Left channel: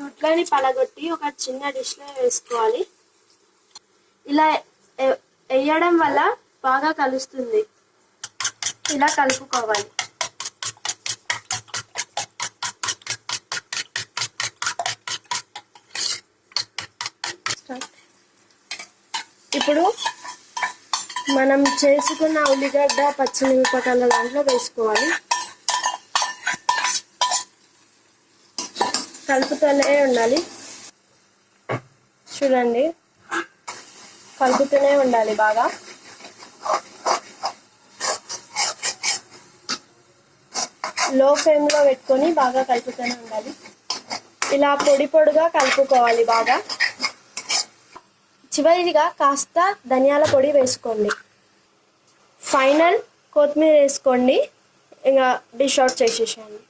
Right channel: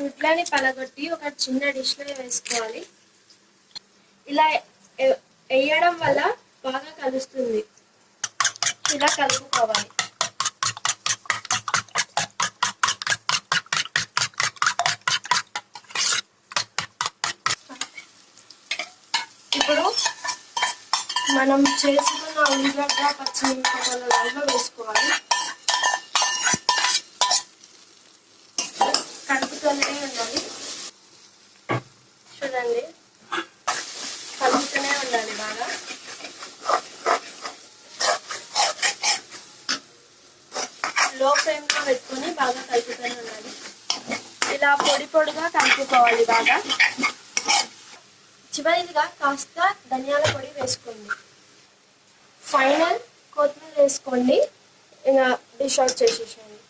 గుడ్లని పలగొట్టి ఒక చిన్న డిష్లో వేసుకోవాలి. ఇలా వేయడం వల్ల బాగా కలుస్తుంది. ఇలా కలుపుకోవాలి. ఇప్పుడు మనం చేసుకున్న ఉల్లిగడ్డ పచ్చిమిరపకాయల దాంట్లో వేసుకోవాలి. కలుపుతూనే ఉండాలి. చూడండి, కలుపుతూనే ఉండాలి బాగా. లో ఫ్లేమ్లో పెట్టుకొని బాగా కలుపుతూనే ఉండాలి. ఇలా పొడి పొడిగా కలుపుకోవాలి బాగా. చివరిగా కాస్త ధనియాల పొడి వేసుకోండి. ఫైనల్ కొత్తిమీర వేసుకోండి. ఇంకా డిష్ అవుట్ చేసేసుకోండి.